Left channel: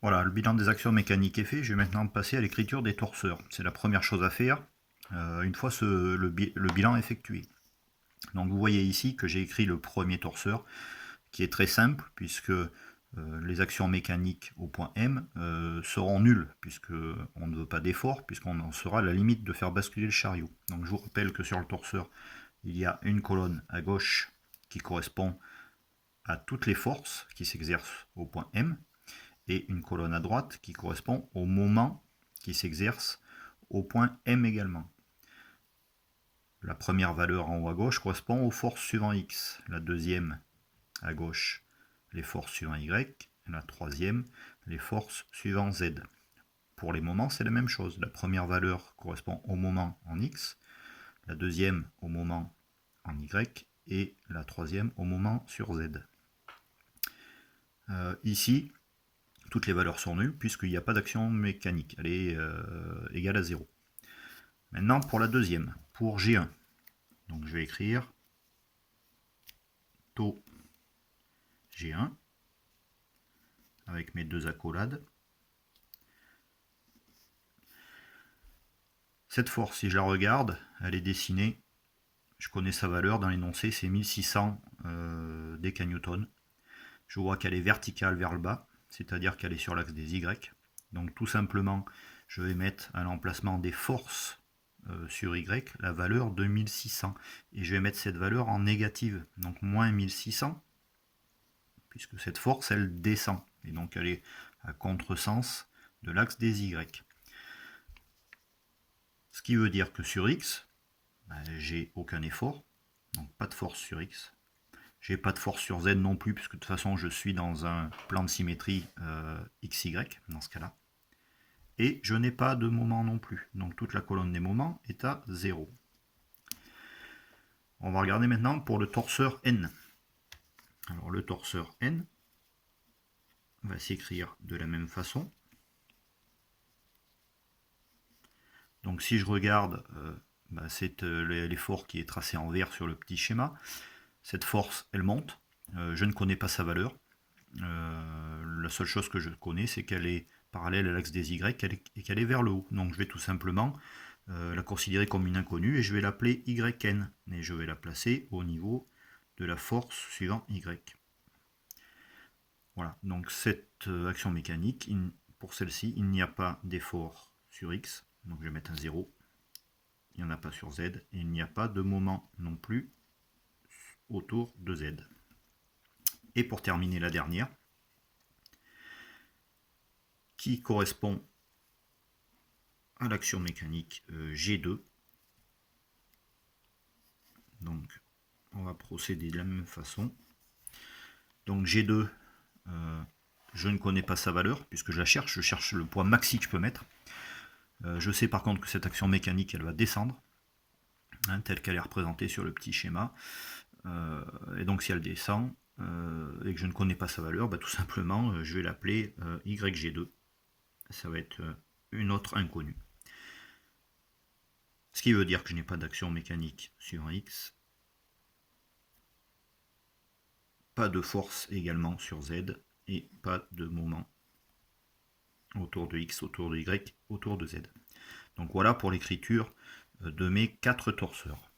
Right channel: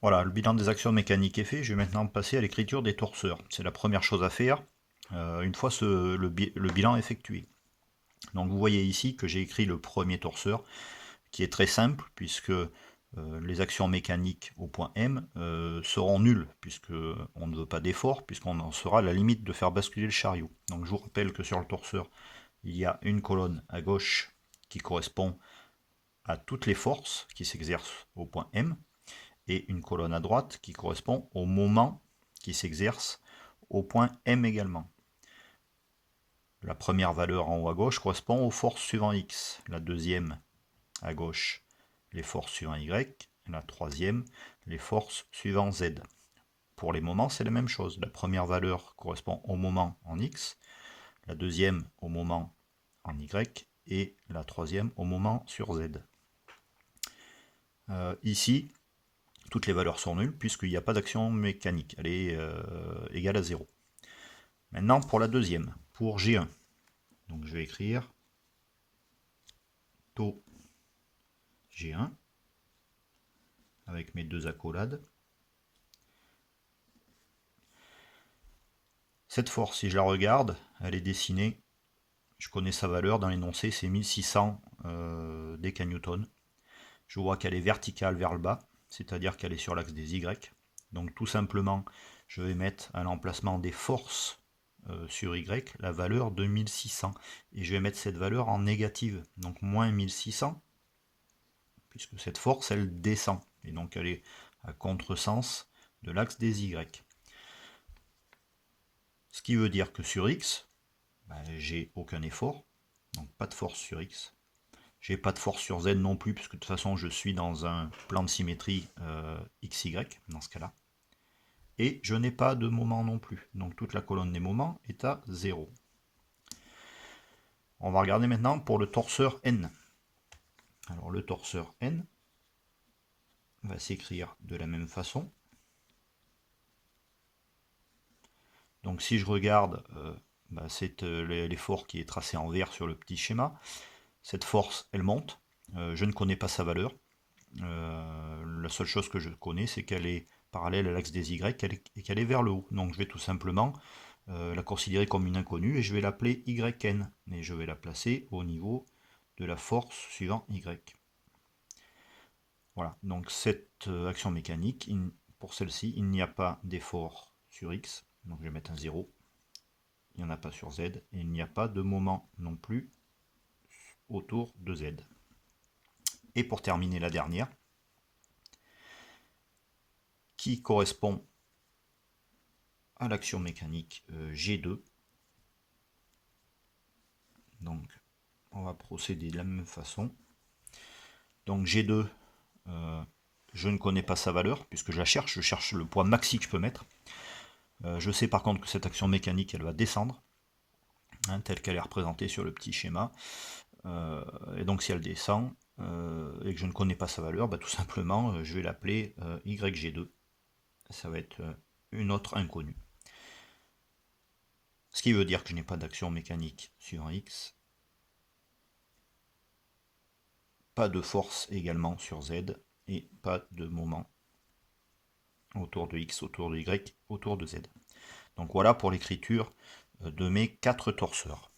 Voilà, le bilan des actions mécaniques est fait. Je vais maintenant passer à l'écriture des torseurs. C'est la première chose à faire une fois le bilan effectué. Donc vous voyez ici que j'ai écrit le premier torseur qui est très simple puisque les actions mécaniques au point M seront nulles puisque on ne veut pas d'effort, puisqu'on en sera à la limite de faire basculer le chariot. Donc je vous rappelle que sur le torseur, il y a une colonne à gauche qui correspond à toutes les forces qui s'exercent au point M, et une colonne à droite qui correspond au moment qui s'exerce au point M également. La première valeur en haut à gauche correspond aux forces suivant X, la deuxième à gauche les forces suivant Y, et la troisième les forces suivant Z. Pour les moments, c'est la même chose. La première valeur correspond au moment en X, la deuxième au moment en Y, et la troisième au moment sur Z. Ici, toutes les valeurs sont nulles puisqu'il n'y a pas d'action mécanique, elle est égale à 0. Maintenant pour la deuxième, pour G1, donc je vais écrire taux G1 avec mes deux accolades. Cette force, si je la regarde, elle est dessinée, je connais sa valeur dans l'énoncé, c'est 1600 décanewtons. Je vois qu'elle est verticale vers le bas, c'est-à-dire qu'elle est sur l'axe des Y. Donc tout simplement, je vais mettre à l'emplacement des forces sur Y la valeur de 1600. Et je vais mettre cette valeur en négative, donc moins 1600, puisque cette force, elle descend. Et donc elle est à contresens de l'axe des Y. Ce qui veut dire que sur X, j'ai aucun effort, donc pas de force sur X. J'ai pas de force sur Z non plus, puisque de toute façon je suis dans un plan de symétrie XY dans ce cas-là. Et je n'ai pas de moment non plus. Donc toute la colonne des moments est à 0. On va regarder maintenant pour le torseur N. Alors le torseur N va s'écrire de la même façon. Donc si je regarde, c'est l'effort qui est tracé en vert sur le petit schéma. Cette force, elle monte. Je ne connais pas sa valeur. La seule chose que je connais, c'est qu'elle est parallèle à l'axe des Y et qu'elle est vers le haut. Donc je vais tout simplement la considérer comme une inconnue et je vais l'appeler YN. Et je vais la placer au niveau de la force suivant Y. Voilà, donc cette action mécanique, pour celle-ci, il n'y a pas d'effort sur X. Donc je vais mettre un 0. Il n'y en a pas sur Z. Et il n'y a pas de moment non plus autour de Z. Et pour terminer la dernière, qui correspond à l'action mécanique G2. Donc on va procéder de la même façon. Donc G2, je ne connais pas sa valeur puisque je cherche le poids maxi que je peux mettre. Je sais par contre que cette action mécanique, elle va descendre, telle qu'elle est représentée sur le petit schéma. Et donc si elle descend et que je ne connais pas sa valeur, tout simplement je vais l'appeler YG2. Ça va être une autre inconnue. Ce qui veut dire que je n'ai pas d'action mécanique sur X. Pas de force également sur Z. Et pas de moment autour de X, autour de Y, autour de Z. Donc voilà pour l'écriture de mes 4 torseurs.